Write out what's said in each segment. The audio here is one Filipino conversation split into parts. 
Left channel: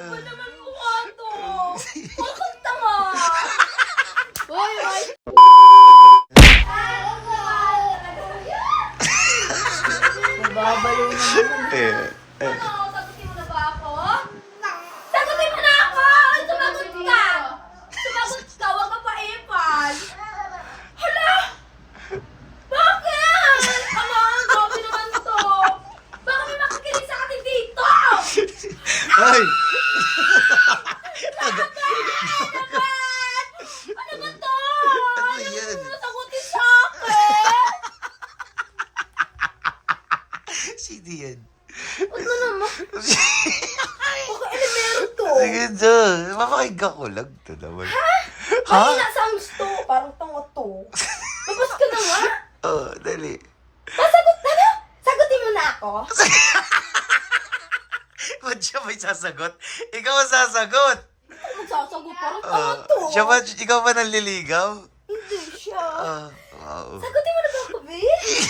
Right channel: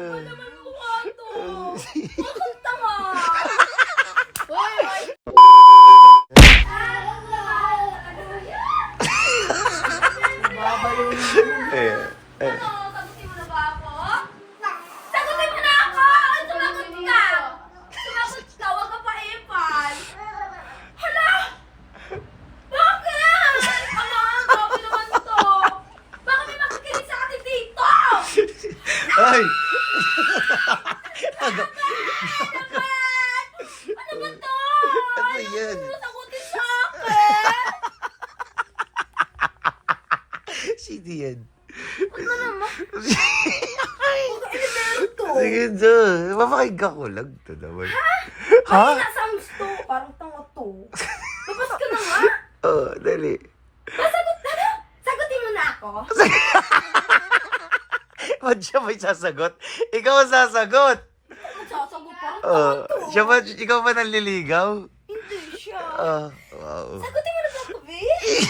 Ano naman mukha to? Bakit tanga? Hoy, hoy. Babalo naman. Eh, eh. Ano, sagutin mo na ba ako? Sagutin mo na ako! Sumagot ka! Sumagot ka, huwag ka pa ipal. Hala! Bakit? Hala, grabe naman to. Baka may makikinig sa atin dito! Ay! Ano ba to? Ano yan? Ano sagutin sa akin? Sino yan? Ano naman? Baka meron to. Sige, Jo. Mapakinggan ko lang to naman. Ha? Ano nasa to? Parang tanga to. Tapos ka na nga? Oo, oh, dali. Masagot na na? Sagutin mo na ako? Ba't siya may sasagot? Ikaw ang sasagot. Magsasagot parang Oo. tanga to. siya ba, ikaw ba nanliligaw? Hindi siya. Ah, wow. Sagutin mo na ba ako, babe?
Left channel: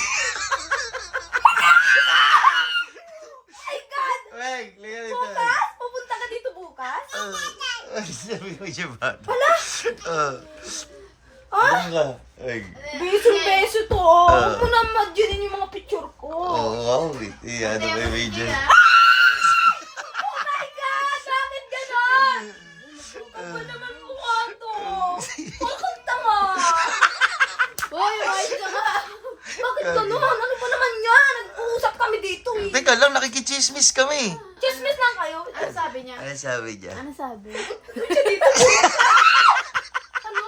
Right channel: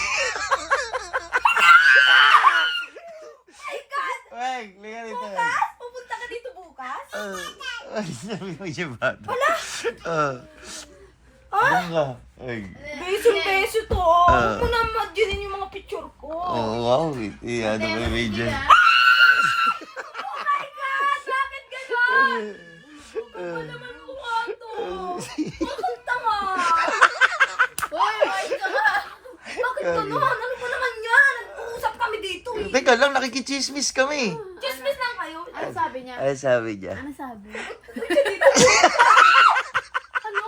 My God! Wag, liga dito. Bukas? Pupunta ka dito bukas? Ah, ay, sabi mo siya ba? Wala. Ah. Ah? Ano ka? Ay. Beso-beso to. Ah. Huwag mo na madyanin yung mga picture ko. Oh, wow. Ano ba yung major? Oh my God! Bakit ganon? Ano naman mukha to? Bakit tanga? Hoy, hoy, tanga. Bakit ganon? Ano ba naman yan? Nag-uusap dito eh. Teka lang, nakikichismis kami. Chismis lang kayo. Ano sabi niya? Ano sabi niya? Ano sabi? Siya dito. ano?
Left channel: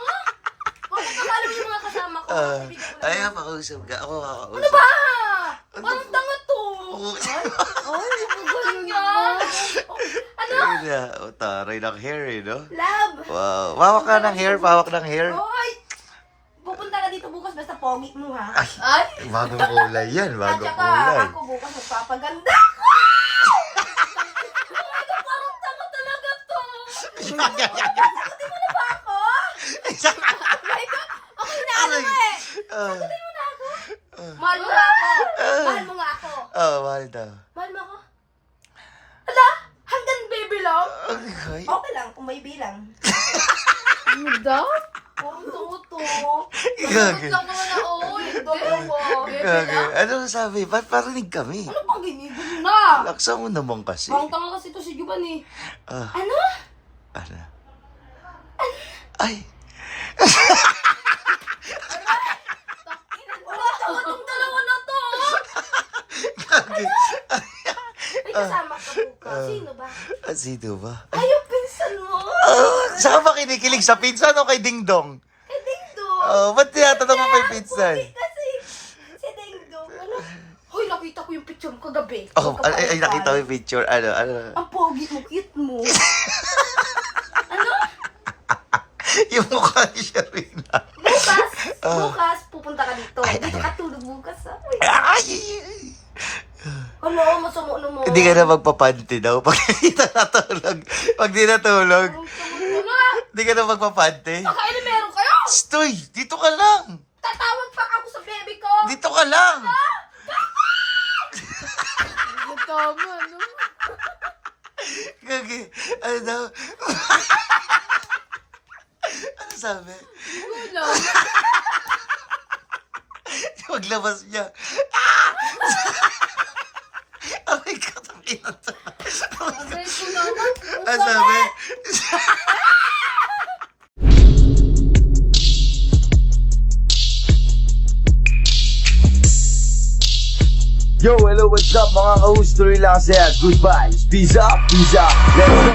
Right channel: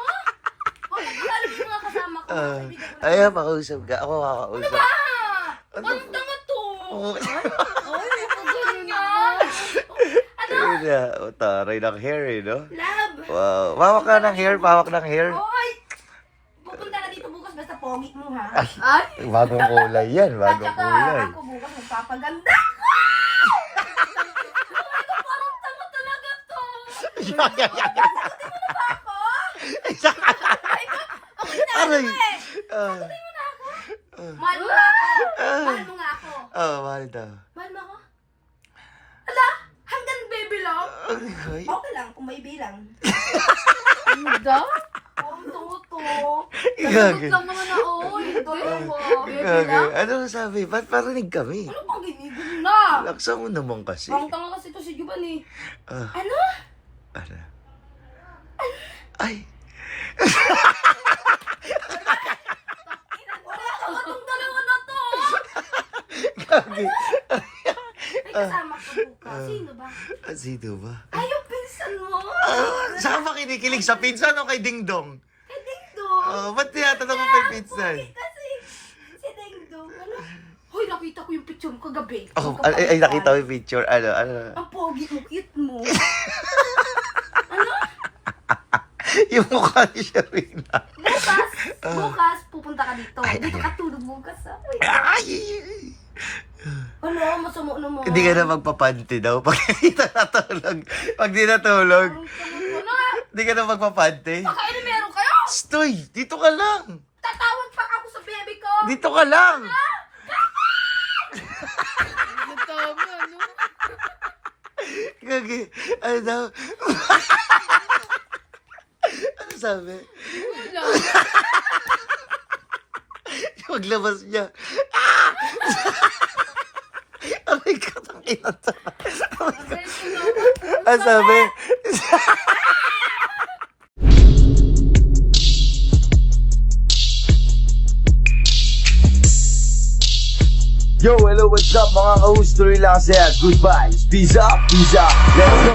Bakit akala mo yung mga kasama ko? Ah, ayaw, makausap ka. Ako kakausap. Ah! Parang tanga to. Oo. Ay, magaling nga. Ano? Ayun na. O, taray ng hair eh, no? Love. Wow. Pawak ka ng hair, pawak ng hair. Hoy! Pogi mo ha. Ay. Ay! Bagong kulay yan, At bagong saka kulay. ako bukas magpapaganda ako! Oh my God, parang tanga talaga to! Sagutin mo na ba ako? Ko, ako na ano Aray. eh! Ah, Sagutin mo na ako! Mahal mo nga ako! Mahal mo nga ako! oh, mahal daw. Mahal mo ako? Hala! Hanggang baby lang? Ay, Okay lang, kung may bilang. Ano daw? Tuto. Gagi. Lang muna, oo. Dalawa. Gagi. Ano sabi? Ba't parinig kami? Ano pang ginigil na? Laksa mo naman kasi. Parang tanga kasi to si Juban eh. Ah, Ano? ano? Ay. Wala tanga tong dalawa na to. Gagi. May kasama ka bukas. Sino ba? Ah, sino ba? Ayaw pinsan mo. Ah, saan ba kinikilig? Sa pinsan o kay Ding Dong? Kay Dingdo. Oh, ba't tinatanong mo pa yung? Pogi kasi si Dingdo. Ano? Hoy, nakita ko yung picture mo kagabi. Oh, ay, ay, nakita mo yung picture. Ano, ano? Ang pogi mo, cute mo. ano? yung mukha ni Sharina. Bukas, bukas, pupunta ka dito. Dito ka tulog bukas. ah. Uy. Ay! Ano, masama na mo. Hindi ka na magpapanty daw pag hindi na natulog. Pag di natulog, hindi ka na magpapanty. Baka ano Stoy, dito ka lang. Tatawag pa ako sa baby ko. Dito ka lang. Tama, no? Gagi, ano daw? ano sabi? Wala. Maglabas niya. Ah! Aray ka, takinan to. Ko. Ano sabi? Yo, hello, what's up mga ka-host? Lang saya. Goodbye. Peace up, peace up. Let's go.